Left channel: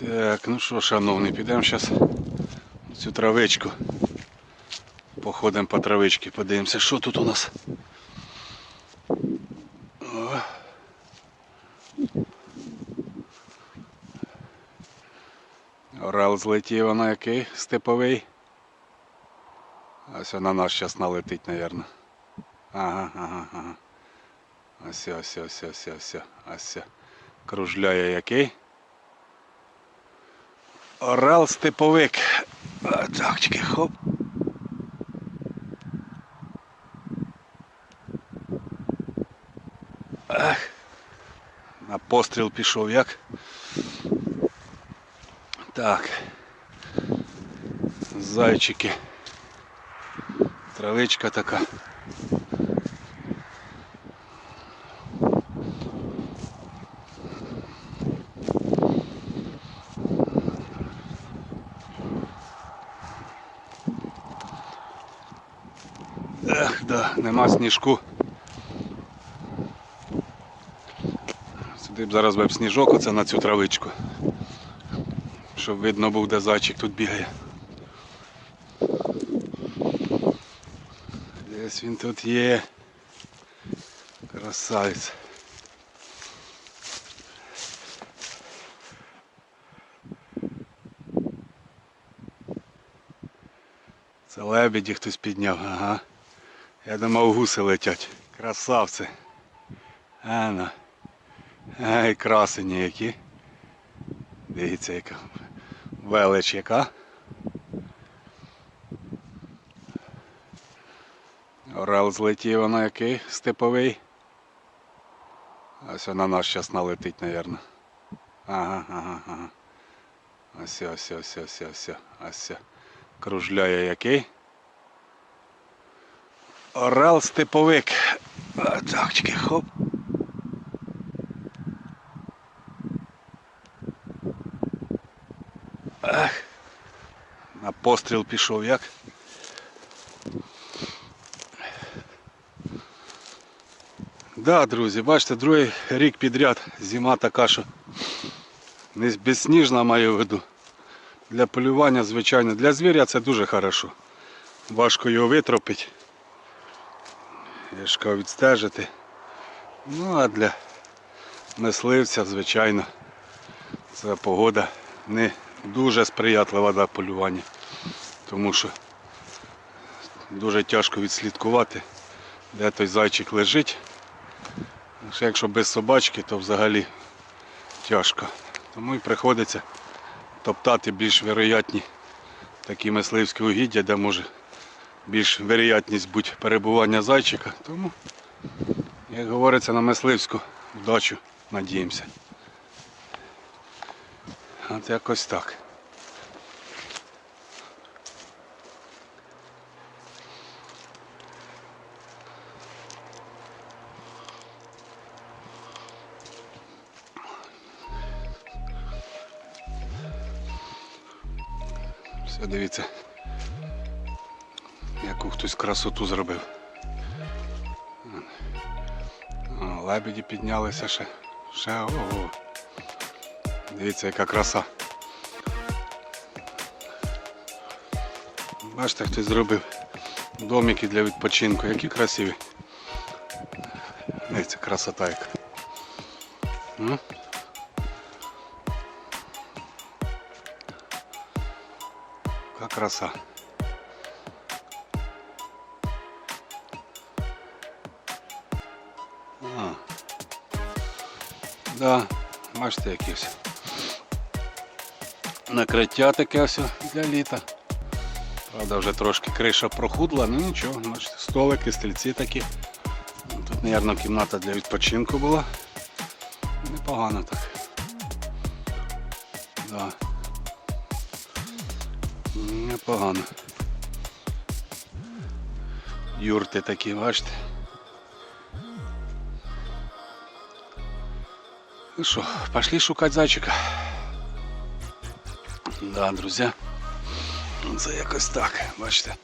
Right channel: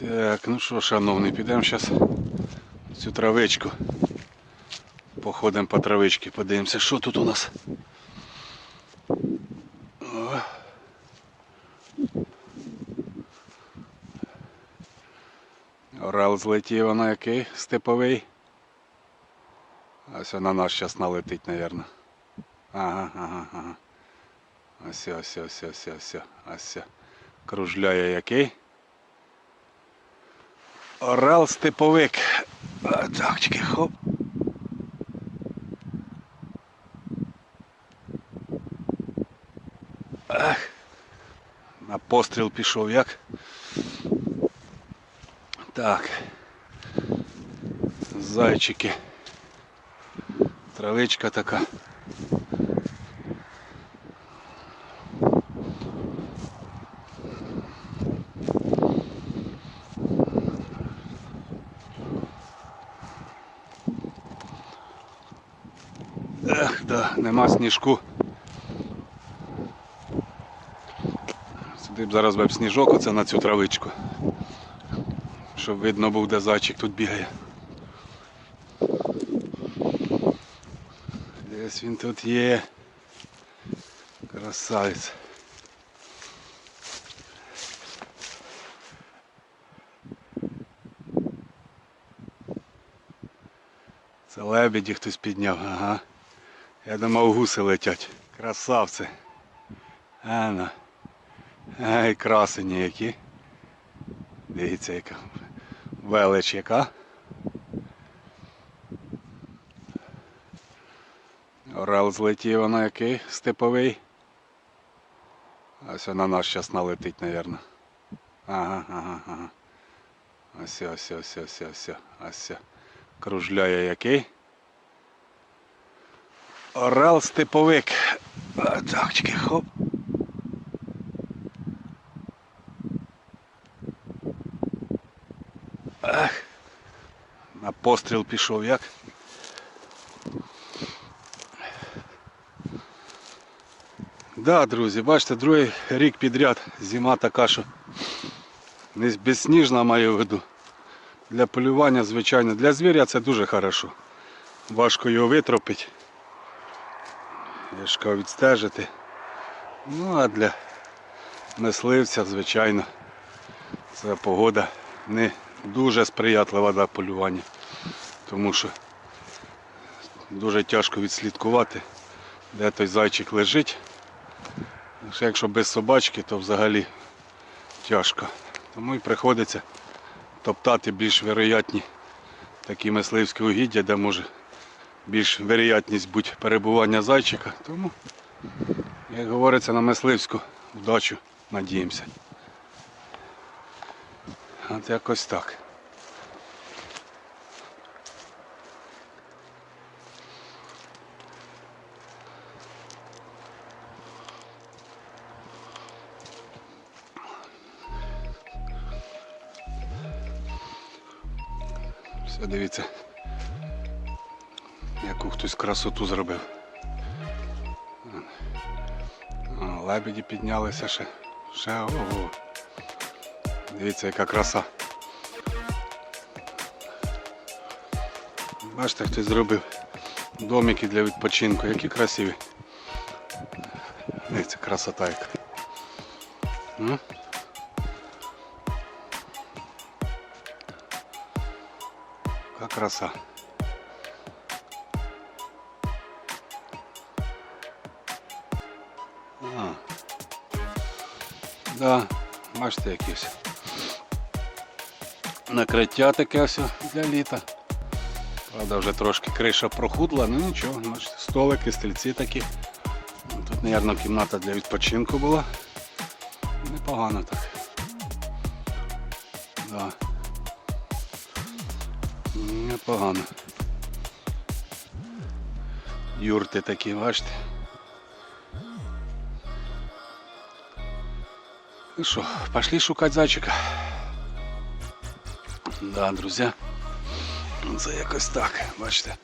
Так, ну що, шановний, підемо зараз цю травичку. Походимо по травичці, подивимося, що тут у нас. О. Орел злетів на який степовий. Ось на нас зараз налетить, мабуть. Ага, ага, ага. Ось, ось, ось, ось, ось, ось. Кружляє який. Орел степовик. Так, чекай, хоп. Ах. На постріл пішов як. Так. Зайчики. Травичка така. Ех, да, нема сніжку. Сюди б зараз б сніжок оце на цю травичку. Щоб видно був, де зайчик тут бігає. Десь він тут є. Красавець. Це лебеді хтось підняв, ага. Я думав гуси летять. Красавці. Ана. Ай, красені які. Дивіться, яка велич яка. Орел злетів на який степовий. Ось на нас зараз налетить, мабуть. Ага, ага, ага. Ось, ось, ось, ось, ось, ось. Кружляє який. Орел степовик. Так, чекай, хоп. Ах. На постріл пішов як. Да, друзі, бачите, другий рік підряд зима така, що не безсніжна маю в виду. Для полювання, звичайно, для звіря це дуже хорошо. Важко його витропити. Я відстежити. Ну а для мисливця, звичайно, ця погода не дуже сприятлива для полювання. Тому що дуже тяжко відслідкувати, де той зайчик лежить. Якщо без собачки, то взагалі тяжко. Тому і приходиться топтати більш вероятні такі мисливські угіддя, де може більш вероятність бути перебування зайчика. Тому, як говориться, на мисливську вдачу надіємося. От якось так. Дивіться, яку хтось красоту зробив. Лебеді піднялися ще. Ще ого. Дивіться, яка краса. Бачите, хтось зробив домики для відпочинку. Які красиві. Дивіться, красота яка. Ну. Яка краса. Да, бачите якісь. Накриття таке все для літа. Правда, вже трошки криша прохудла, ну нічого, бачите, столики, стільці такі. Тут, мабуть, кімната для відпочинку була. Непогано так. Да. Непогано. Юрти такі, бачите. Ну що, пошли шукати зайчика. Да, друзі. Це якось так, бачите.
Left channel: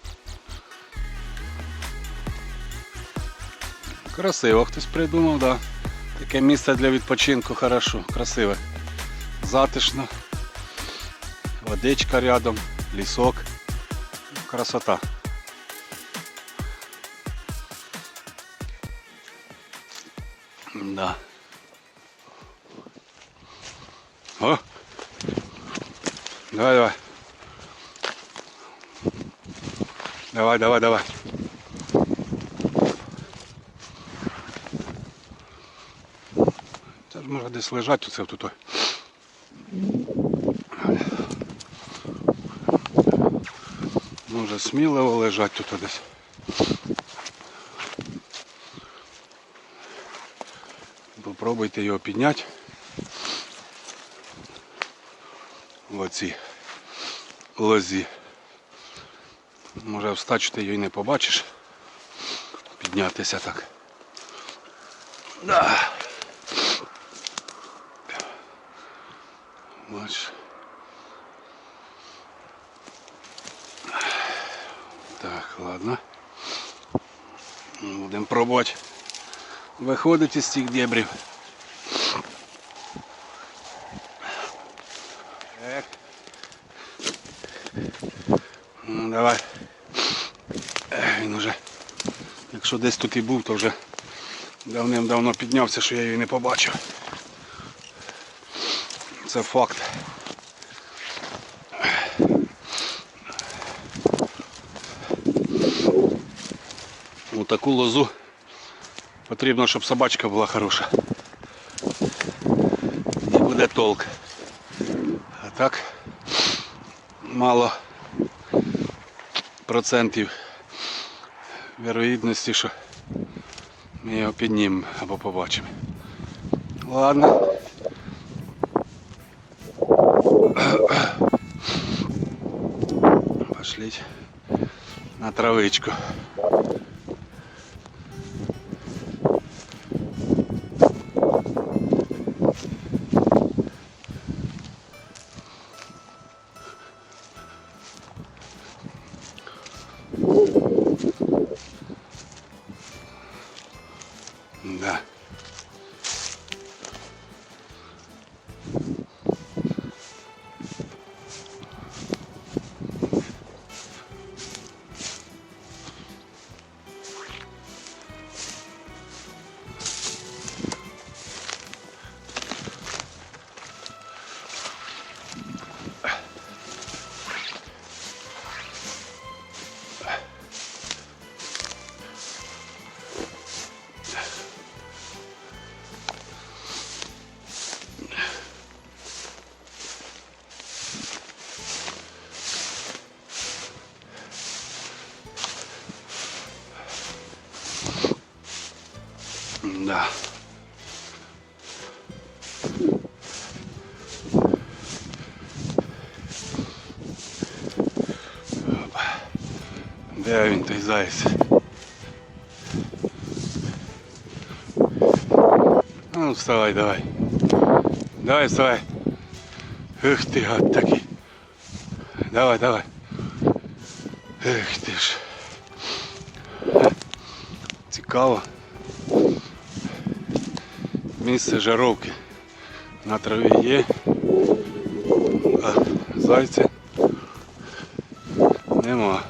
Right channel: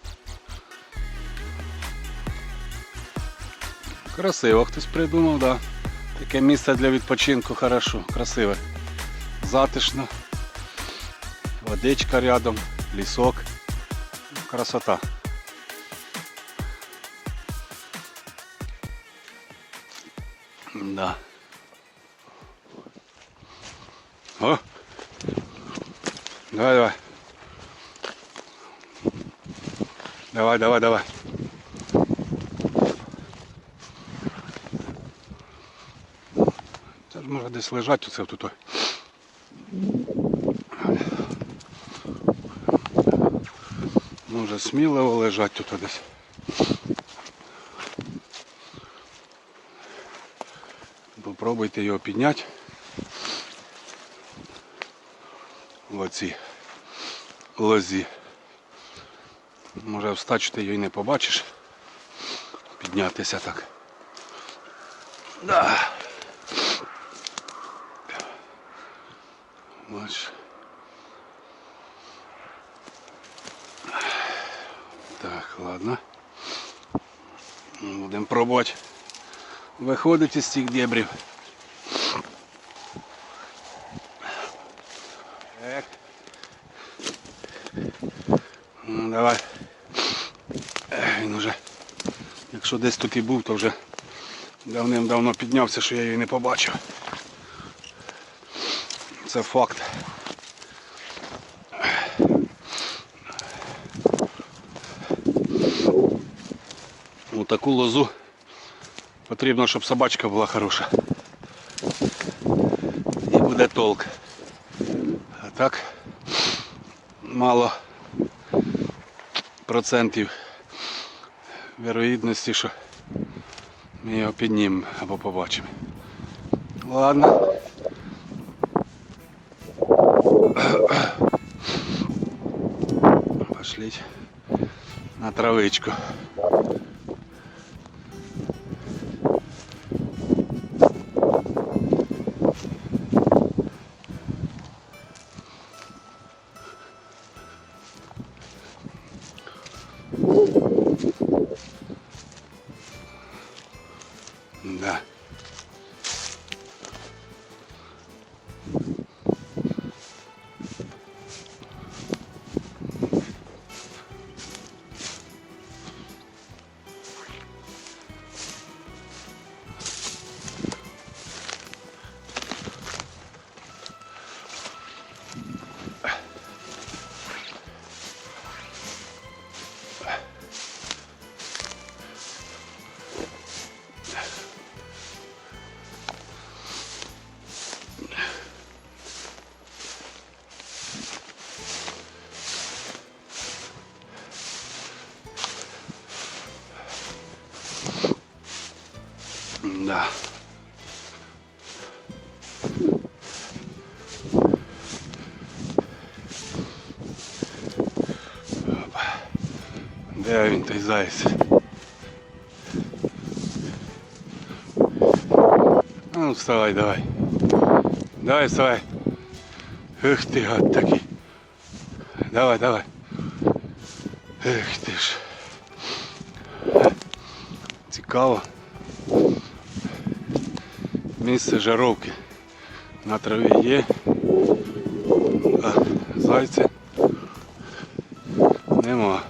Красиво хтось придумав, да. Таке місце для відпочинку хорошо, красиве. Затишно. Водичка рядом, лісок. Красота. Да. О! Давай, давай. Давай, давай, давай. Це ж може десь лежать оце тут. Може сміливо лежать тут десь. Попробуйте його підняти. Оці лозі. Може встачу ти її не побачиш. Піднятися так. Да. Бач. Так, ладно. Будемо пробувати виходити з цих дебрів. Давай. Він уже, якщо десь тут і був, то вже давним-давно піднявся, що я її не побачив. Це факт. У таку лозу потрібно, щоб собачка була хороша. І буде толк. А так мало процентів вірогідності, що ми його піднімемо або побачимо. Ладно. Пошліть на травичку. Да. Опа. Де він той заяць? Ну, вставай, давай. Давай, вставай. Ех ти гад такий. Давай, давай. Ех ти ж. Цікаво. Місце жаровки на траві є, а зайця нема.